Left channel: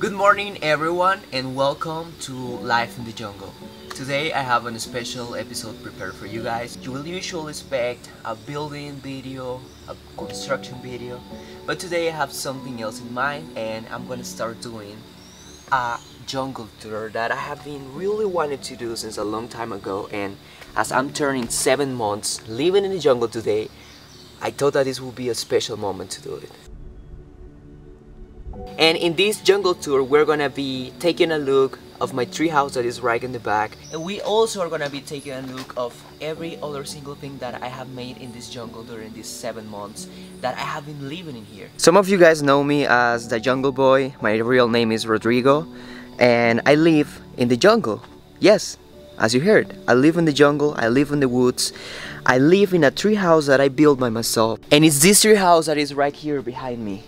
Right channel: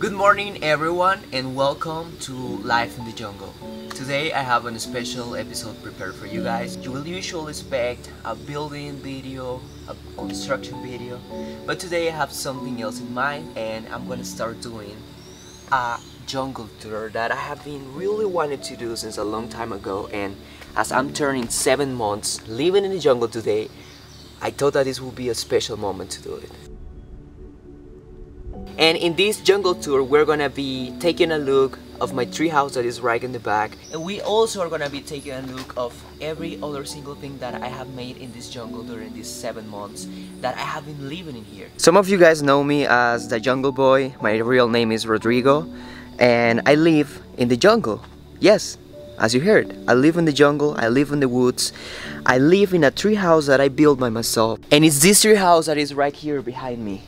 Good morning everyone and welcome to Life in the Jungle. Today I have a special episode prepared for you guys. You will usually expect a building video, a construction video, but today I have something else in mind and I'm gonna start doing a jungle tour that I have been really wanting to do since a long time ago, and as I'm turning 7 months living in the jungle today, I thought that this would be a special moment to do it. And in this jungle tour, we're gonna be taking a look of my treehouse that is right in the back. And we also are gonna be taking a look of every other single thing that I have made in this jungle during these 7 months that I have been living in here. Some of you guys know me as the Jungle Boy. My real name is Rodrigo, and I live in the jungle. Yes, as you heard, I live in the jungle, I live in the woods. I live in a treehouse that I built by myself. And it's this treehouse that is right here behind me.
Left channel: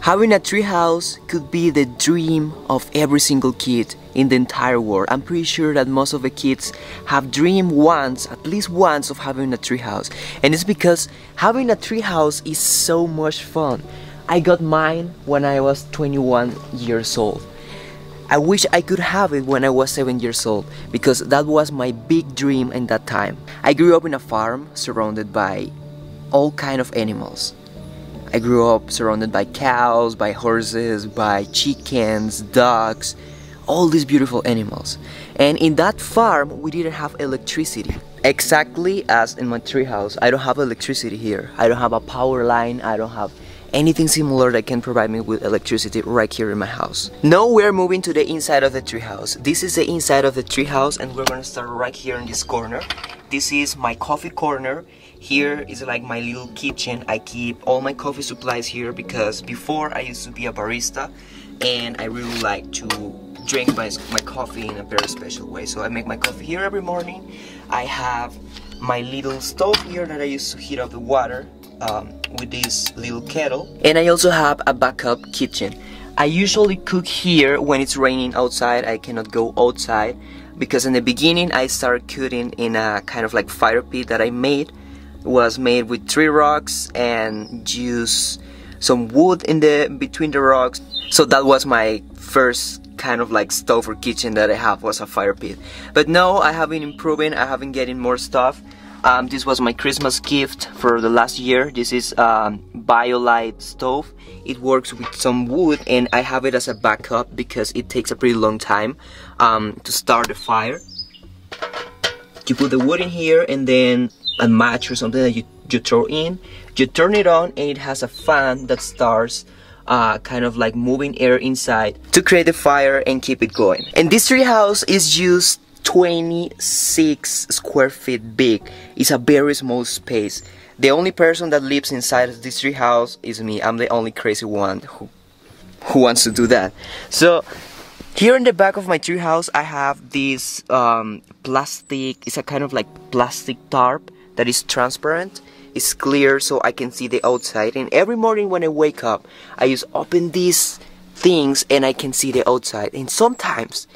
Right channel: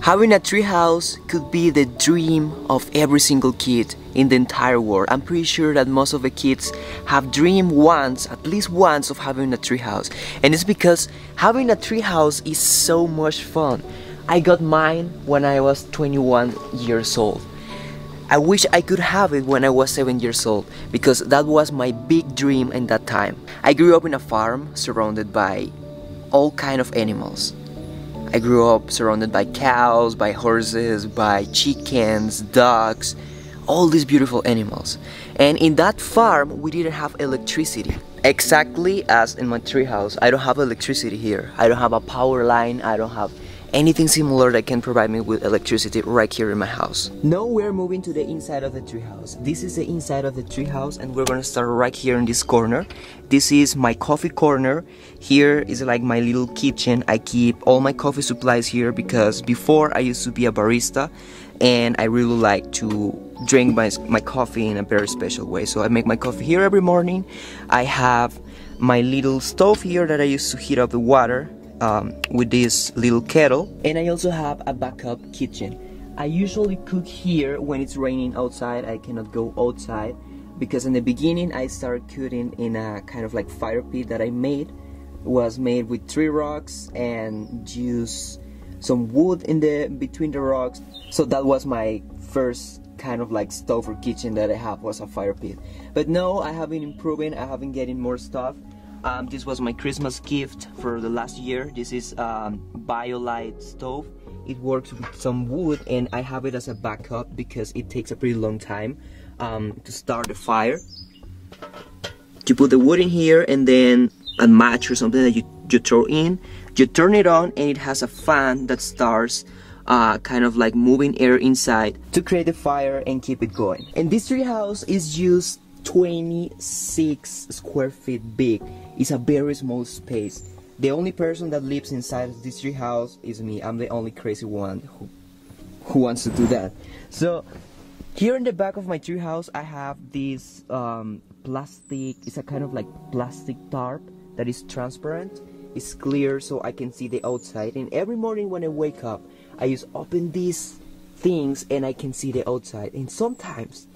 Having a treehouse could be the dream of every single kid in the entire world. I'm pretty sure that most of the kids have dreamed once, at least once, of having a treehouse. And it's because having a treehouse is so much fun. I got mine when I was 21 years old. I wish I could have it when I was 7 years old, because that was my big dream in that time. I grew up in a farm surrounded by all kind of animals. I grew up surrounded by cows, by horses, by chickens, ducks, all these beautiful animals. And in that farm, we didn't have electricity. Exactly as in my treehouse, I don't have electricity here. I don't have a power line, I don't have anything similar that can provide me with electricity right here in my house. Now we're moving to the inside of the treehouse. This is the inside of the treehouse, and we're gonna start right here in this corner. This is my coffee corner. Here is like my little kitchen. I keep all my coffee supplies here because before I used to be a barista and I really like to drink my coffee in a very special way. So I make my coffee here every morning. I have my little stove here that I used to heat up the water with this little kettle. And I also have a backup kitchen. I usually cook here when it's raining outside. I cannot go outside because in the beginning I started cooking in a kind of like fire pit that I made. It was made with 3 rocks and use some wood in between the rocks. So that was my first kind of like stove or kitchen that I have, was a fire pit. But now I have been improving, I have been getting more stuff. This was my Christmas gift for the last year. This is BioLite stove. It works with some wood and I have it as a backup because it takes a pretty long time to start the fire. You put the wood in here and then a match or something that you throw in, you turn it on, and it has a fan that starts kind of like moving air inside to create the fire and keep it going. And this treehouse is just 26 square feet big. It's a very small space. The only person that lives inside of this treehouse is me. I'm the only crazy one who wants to do that. So here in the back of my treehouse I have this plastic, it's a kind of like plastic tarp that is transparent. It's clear so I can see the outside, and every morning when I wake up I just open these things and I can see the outside. And sometimes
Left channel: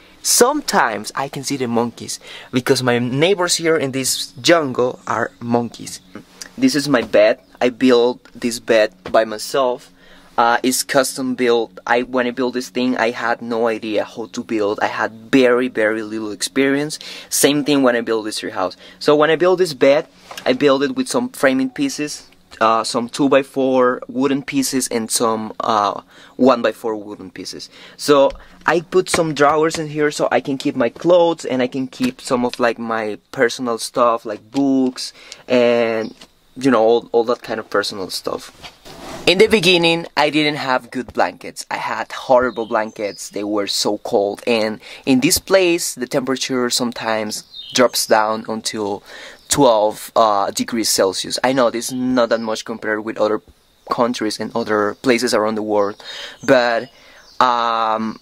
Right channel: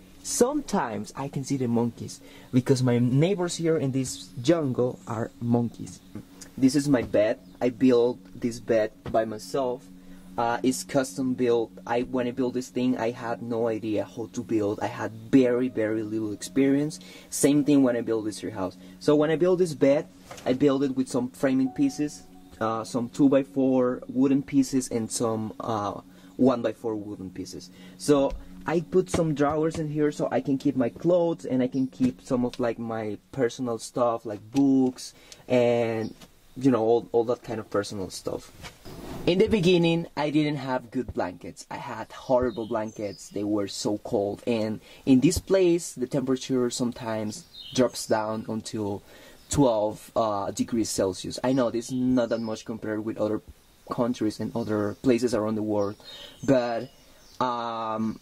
I can see the monkeys because my neighbors here in this jungle are monkeys. This is my bed. I built this bed by myself. It's custom built. When I built this thing, I had no idea how to build. I had very little experience. Same thing when I built this treehouse. So when I built this bed, I built it with some framing pieces, some 2x4 wooden pieces, and some 1x4 wooden pieces. So I put some drawers in here so I can keep my clothes and I can keep some of like my personal stuff like books and you know all that kind of personal stuff. In the beginning, I didn't have good blankets. I had horrible blankets. They were so cold. And in this place, the temperature sometimes drops down until 12 degrees Celsius. I know this is not that much compared with other countries and other places around the world. But I'm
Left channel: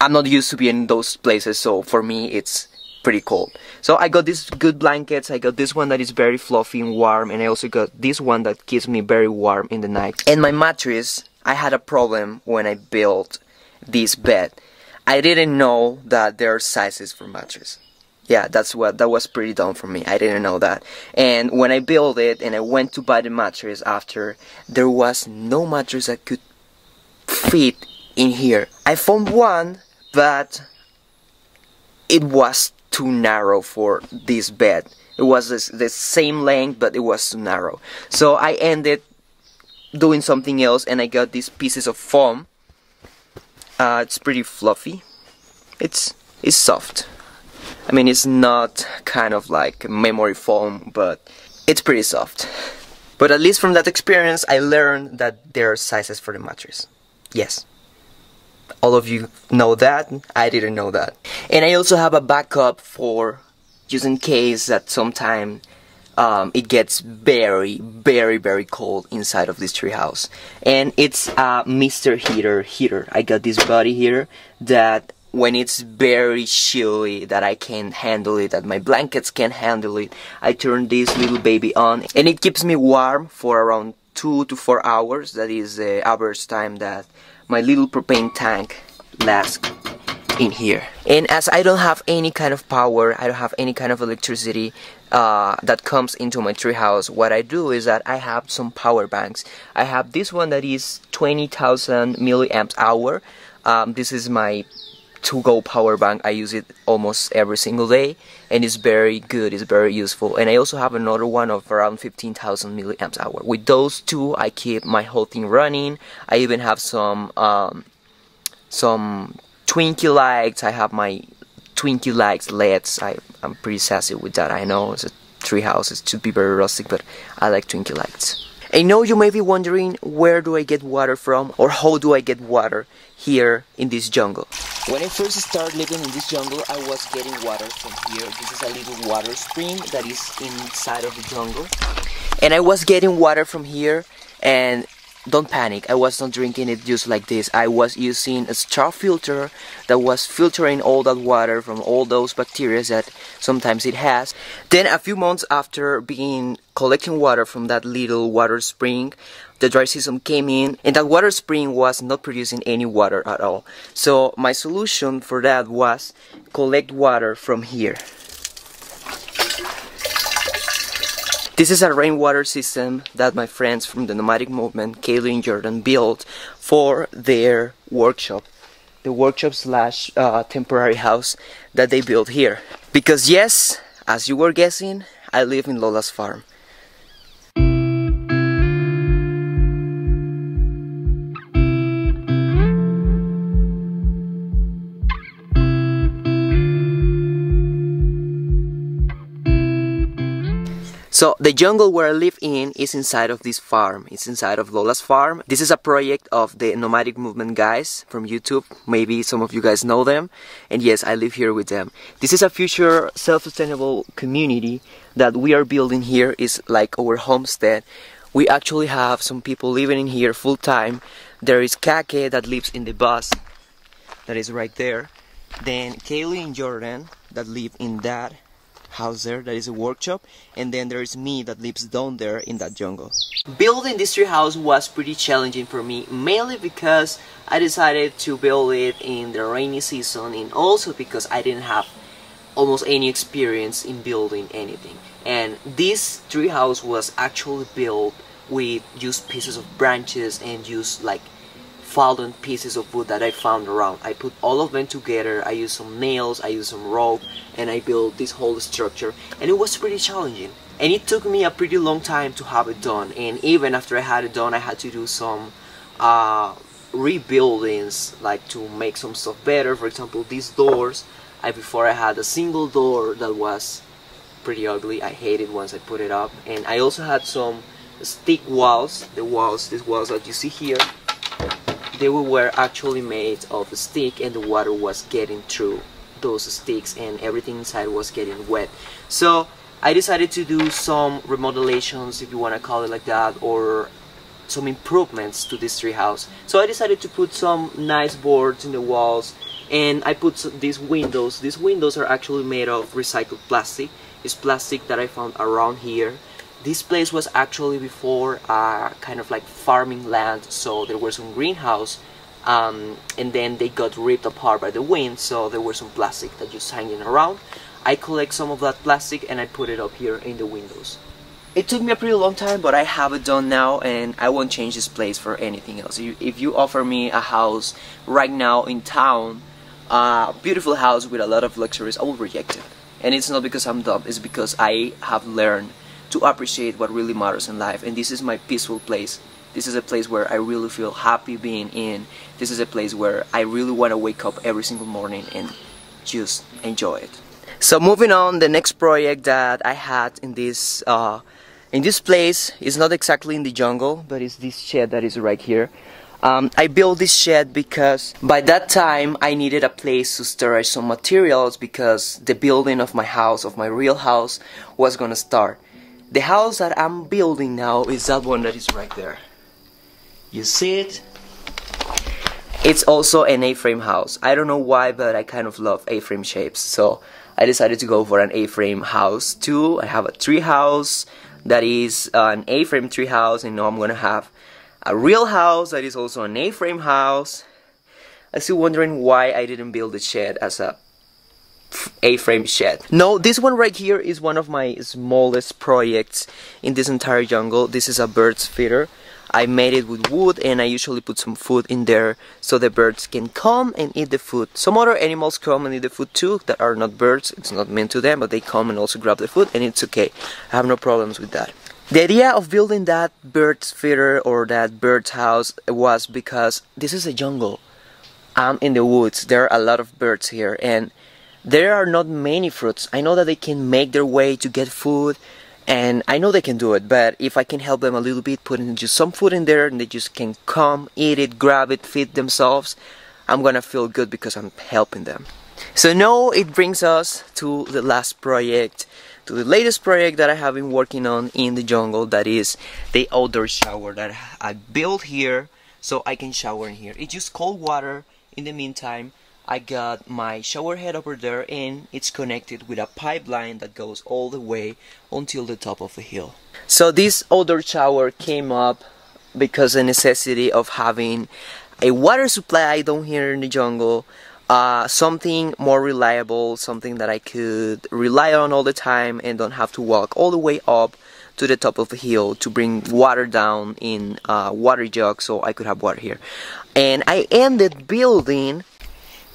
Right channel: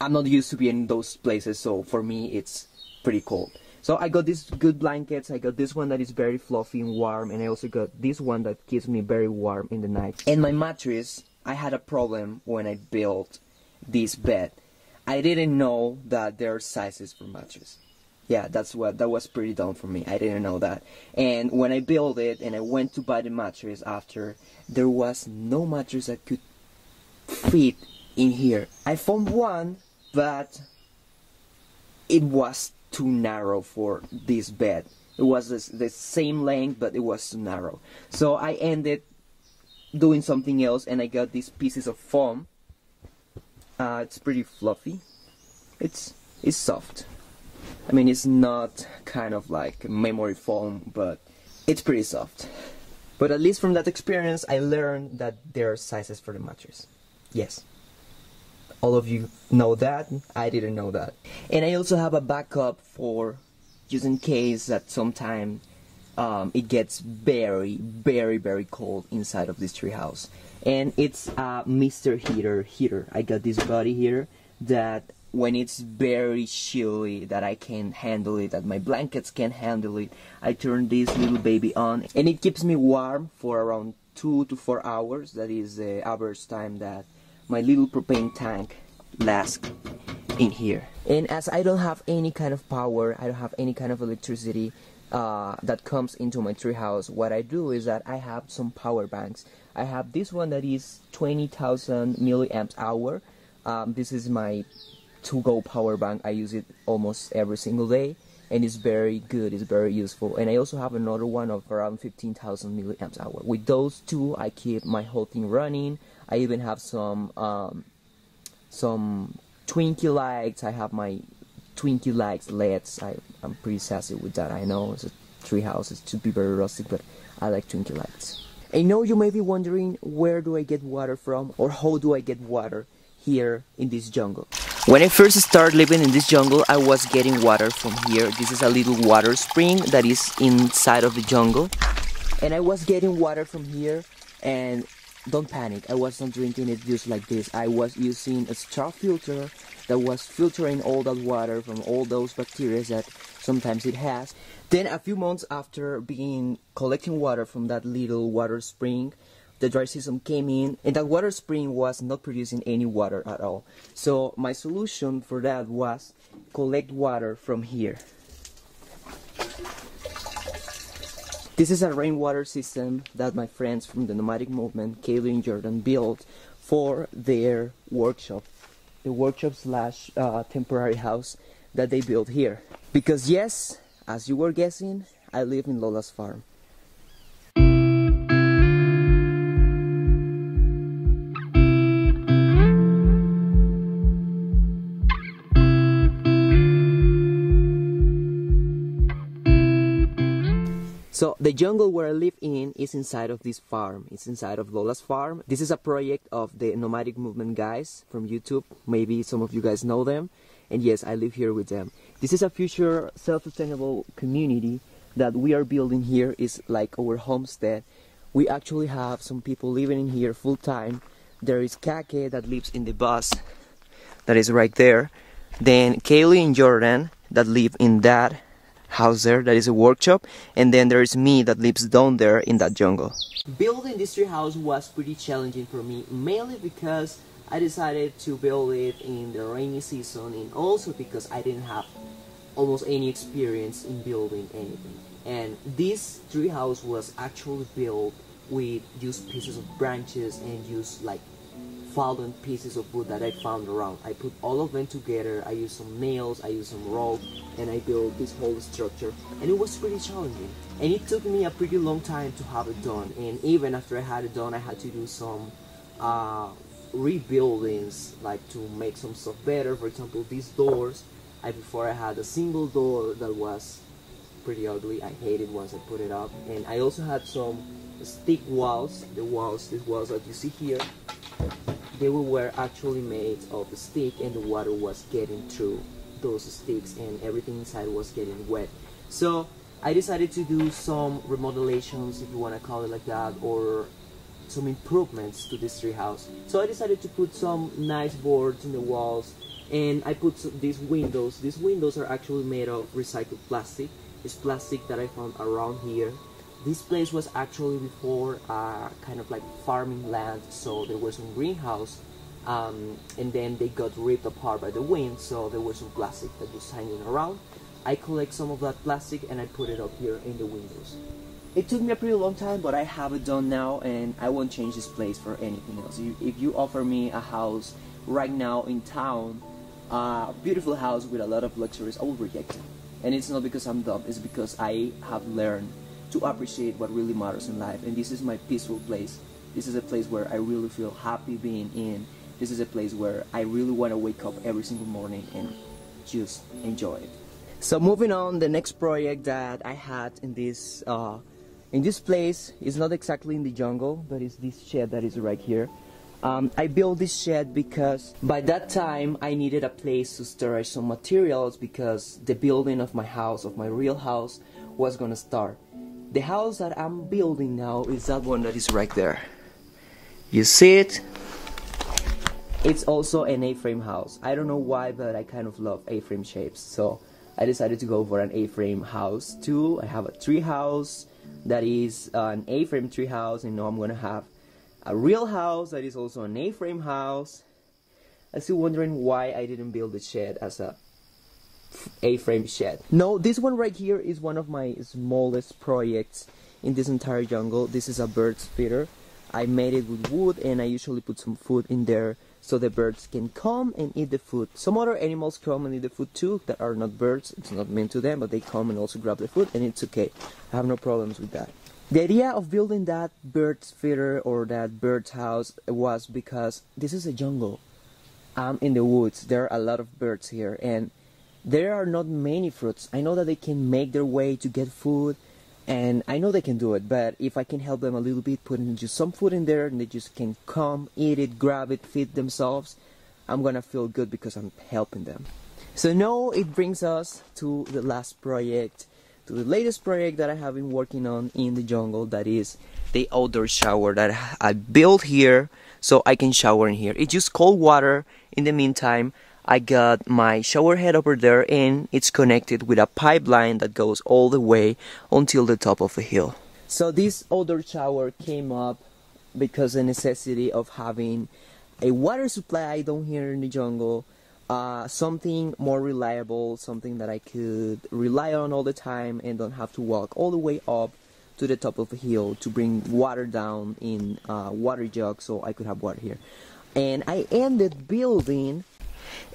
not used to being in those places. So for me, it's pretty cold. So I got these good blankets. I got this one that is very fluffy and warm, and I also got this one that keeps me very warm in the night. And my mattress, I had a problem when I built this bed. I didn't know that there are sizes for mattress. Yeah, that was pretty dumb for me. I didn't know that. And when I built it and I went to buy the mattress after, there was no mattress that could fit in here. I found one, but it was too narrow for this bed. It was the same length, but it was too narrow. So I ended doing something else, and I got these pieces of foam. It's pretty fluffy. It's soft. I mean, it's not kind of like memory foam, but it's pretty soft. But at least from that experience, I learned that there are sizes for the mattress. Yes. All of you know that. I didn't know that. And I also have a backup for just in case that sometime it gets very, very, very cold inside of this treehouse. And it's a Mr. Heater. I got this body here that when it's very chilly, that I can't handle it, that my blankets can't handle it, I turn this little baby on, and it keeps me warm for around 2 to 4 hours. That is the average time that my little propane tank lasts in here. And as I don't have any kind of power, I don't have any kind of electricity that comes into my treehouse, what I do is that I have some power banks. I have this one that is 20,000 milliamps hour. This is my to-go power bank. I use it almost every single day, and it's very good, it's very useful. And I also have another one of around 15,000 milliamps hour. With those two, I keep my whole thing running. I even have some Twinkie lights. I have my Twinkie lights LEDs. I'm pretty sassy with that. I know it's a treehouse, it should be very rustic, but I like Twinkie lights. I know you may be wondering, where do I get water from, or how do I get water here in this jungle? When I first started living in this jungle, I was getting water from here. This is a little water spring that is inside of the jungle. And I was getting water from here, and don't panic, I was not drinking it just like this. I was using a straw filter that was filtering all that water from all those bacteria that sometimes it has. Then a few months after collecting water from that little water spring, the dry season came in, and that water spring was not producing any water at all. So my solution for that was collect water from here. This is a rainwater system that my friends from the nomadic movement, Kaylee and Jordan, built for their workshop. The workshop slash temporary house that they built here. Because yes, as you were guessing, I live in Lola's farm. So the jungle where I live in is inside of this farm. It's inside of Lola's farm. This is a project of the nomadic movement guys from YouTube. Maybe some of you guys know them. And yes, I live here with them. This is a future self-sustainable community that we are building here. Is like our homestead. We actually have some people living in here full time. There is Kake that lives in the bus. That is right there. Then Kaylee and Jordan that live in that house there, that is a workshop, and then there is me that lives down there in that jungle. Building this tree house was pretty challenging for me, mainly because I decided to build it in the rainy season, and also because I didn't have almost any experience in building anything. And this tree house was actually built with just pieces of branches and just like fallen pieces of wood that I found around. I put all of them together, I used some nails, I used some rope, and I built this whole structure, and it was pretty challenging. And it took me a pretty long time to have it done, and even after I had it done, I had to do some rebuildings, like to make some stuff better. For example, these doors, before I had a single door that was pretty ugly. I hated once I put it up. And I also had some stick walls. These walls that you see here, they were actually made of stick, and the water was getting through those sticks and everything inside was getting wet. So I decided to do some remodelations, if you want to call it like that, or some improvements to this tree house. So I decided to put some nice boards in the walls, and I put these windows. These windows are actually made of recycled plastic. It's plastic that I found around here. This place was actually before kind of like farming land, so there was some greenhouse, and then they got ripped apart by the wind, so there was some plastic that just hanging around. I collect some of that plastic and I put it up here in the windows. It took me a pretty long time, but I have it done now, and I won't change this place for anything else. If you offer me a house right now in town, a beautiful house with a lot of luxuries, I will reject it. And it's not because I'm dumb, it's because I have learned to appreciate what really matters in life, and this is my peaceful place. This is a place where I really feel happy being in. This is a place where I really want to wake up every single morning and just enjoy it. So moving on, the next project that I had in this place is not exactly in the jungle, but it's this shed that is right here. I built this shed because by that time I needed a place to storage some materials, because the building of my house, of my real house, was gonna start. The house that I'm building now is that one that is right there. You see it? It's also an A-frame house. I don't know why, but I kind of love A-frame shapes, so I decided to go for an A-frame house too. I have a tree house that is an A-frame tree house, and now I'm gonna have a real house that is also an A-frame house. I'm still wondering why I didn't build the shed as a A-frame shed. No, this one right here is one of my smallest projects in this entire jungle. This is a bird's feeder. I made it with wood, and I usually put some food in there so the birds can come and eat the food. Some other animals come and eat the food too that are not birds. It's not meant to them, but they come and also grab the food, and it's okay. I have no problems with that. The idea of building that bird's feeder or that bird's house was because this is a jungle. I'm in the woods. There are a lot of birds here, and there are not many fruits. I know that they can make their way to get food, and I know they can do it, but if I can help them a little bit, putting just some food in there and they just can come, eat it, grab it, feed themselves, I'm gonna feel good because I'm helping them. So now it brings us to the last project, to the latest project that I have been working on in the jungle, that is the outdoor shower that I built here so I can shower in here. It's just cold water. In the meantime, I got my shower head over there, and it's connected with a pipeline that goes all the way until the top of a hill. So this outdoor shower came up because of the necessity of having a water supply down here in the jungle, something more reliable, something that I could rely on all the time and don't have to walk all the way up to the top of the hill to bring water down in a water jug so I could have water here. And I ended building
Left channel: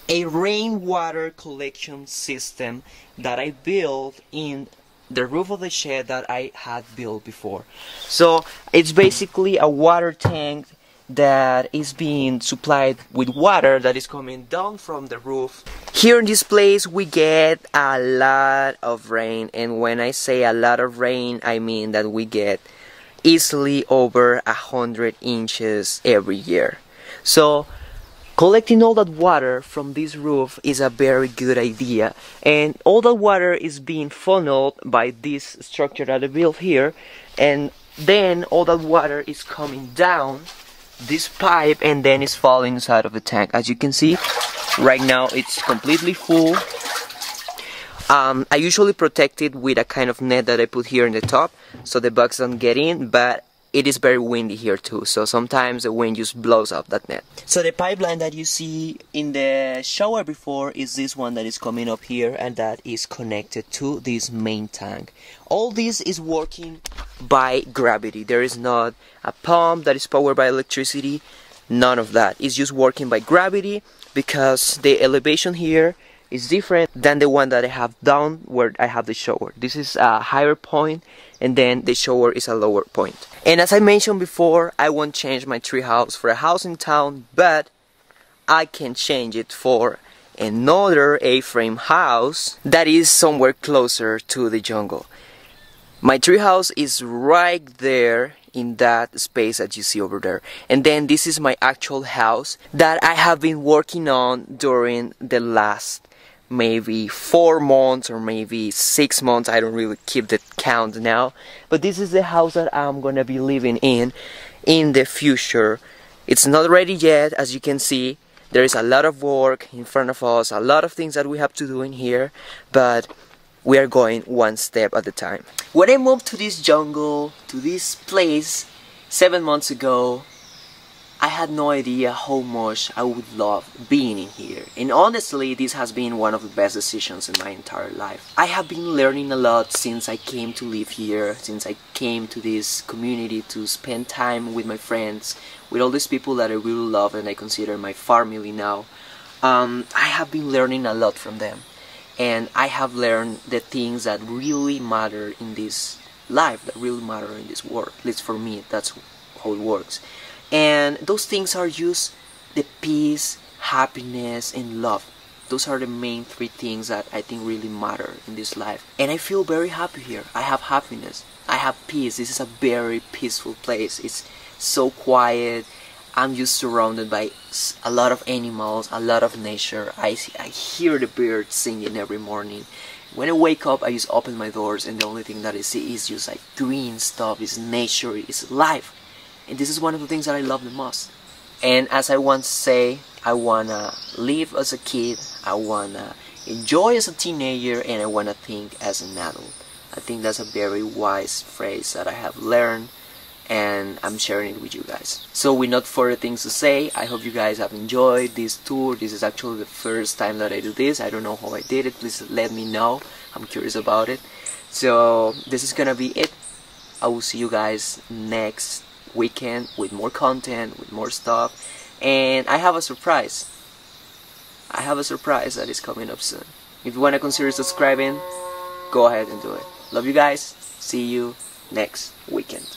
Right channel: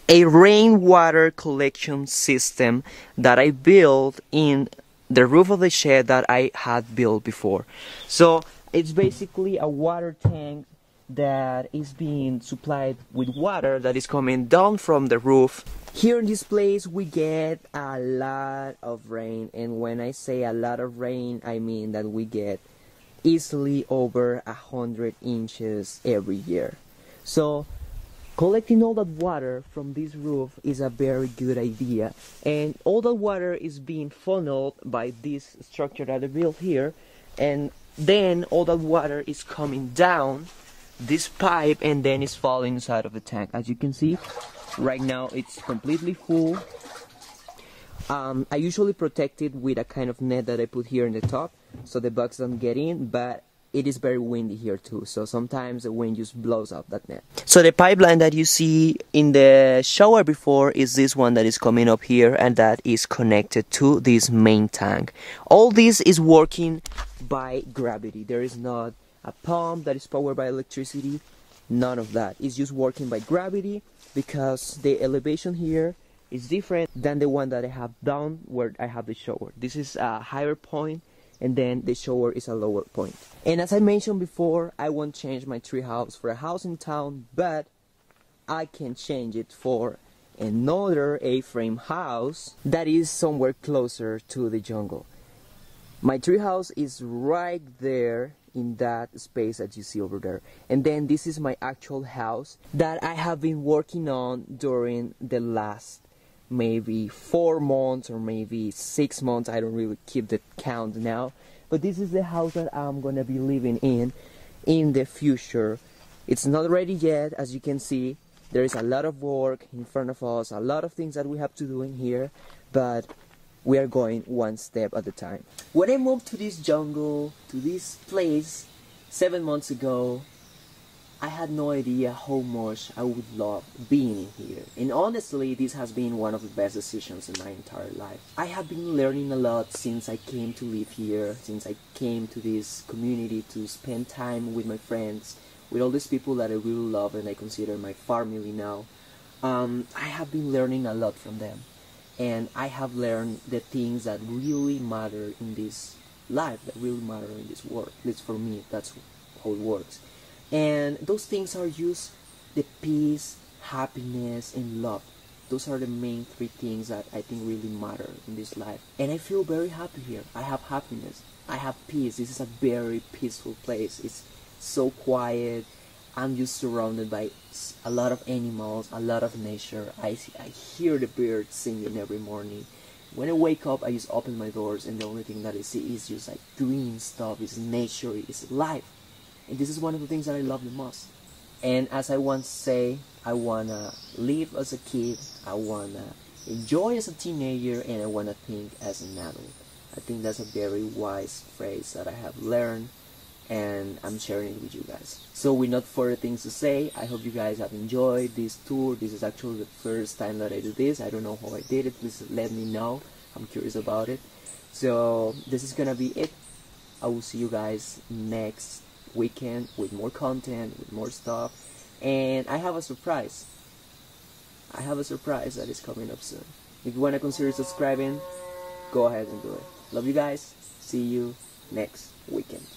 a rainwater collection system that I built in the roof of the shed that I had built before. So it's basically a water tank that is being supplied with water that is coming down from the roof. Here in this place we get a lot of rain, and when I say a lot of rain, I mean that we get easily over 100 inches every year. So collecting all that water from this roof is a very good idea, and all that water is being funneled by this structure that I built here, and then all that water is coming down this pipe and then it's falling inside of the tank. As you can see, right now it's completely full. I usually protect it with a kind of net that I put here in the top so the bugs don't get in, but it is very windy here too, so sometimes the wind just blows up that net. So the pipeline that you see in the shower before is this one that is coming up here, and that is connected to this main tank. All this is working by gravity. There is not a pump that is powered by electricity, none of that. It's just working by gravity because the elevation here is different than the one that I have down where I have the shower. This is a higher point, and then the shower is a lower point. And as I mentioned before, I won't change my treehouse for a house in town, but I can change it for another A-frame house that is somewhere closer to the jungle. My treehouse is right there in that space that you see over there, and then this is my actual house that I have been working on during the last maybe 4 months or maybe 6 months. I don't really keep the count now, but this is the house that I'm gonna be living in the future. It's not ready yet. As you can see, there is a lot of work in front of us, a lot of things that we have to do in here, but we are going one step at a time. When I moved to this jungle, to this place 7 months ago, I had no idea how much I would love being in here, and honestly this has been one of the best decisions in my entire life. I have been learning a lot since I came to live here, since I came to this community to spend time with my friends, with all these people that I really love and I consider my family now. I have been learning a lot from them, and I have learned the things that really matter in this life, that really matter in this world. At least for me, that's how it works. And those things are just the peace, happiness, and love. Those are the main three things that I think really matter in this life. And I feel very happy here. I have happiness. I have peace. This is a very peaceful place. It's so quiet. I'm just surrounded by a lot of animals, a lot of nature. I hear the birds singing every morning. When I wake up, I just open my doors and the only thing that I see is just like green stuff, is nature, is life. And this is one of the things that I love the most. And as I once say, I wanna live as a kid, I wanna enjoy as a teenager, and I wanna think as an adult. I think that's a very wise phrase that I have learned, and I'm sharing it with you guys. So with not further things to say, I hope you guys have enjoyed this tour. This is actually the first time that I do this. I don't know how I did it. Please let me know. I'm curious about it. So this is gonna be it. I will see you guys next weekend with more content, with more stuff, and I have a surprise. I have a surprise that is coming up soon. If you want to consider subscribing, go ahead and do it. Love you guys. See you next weekend.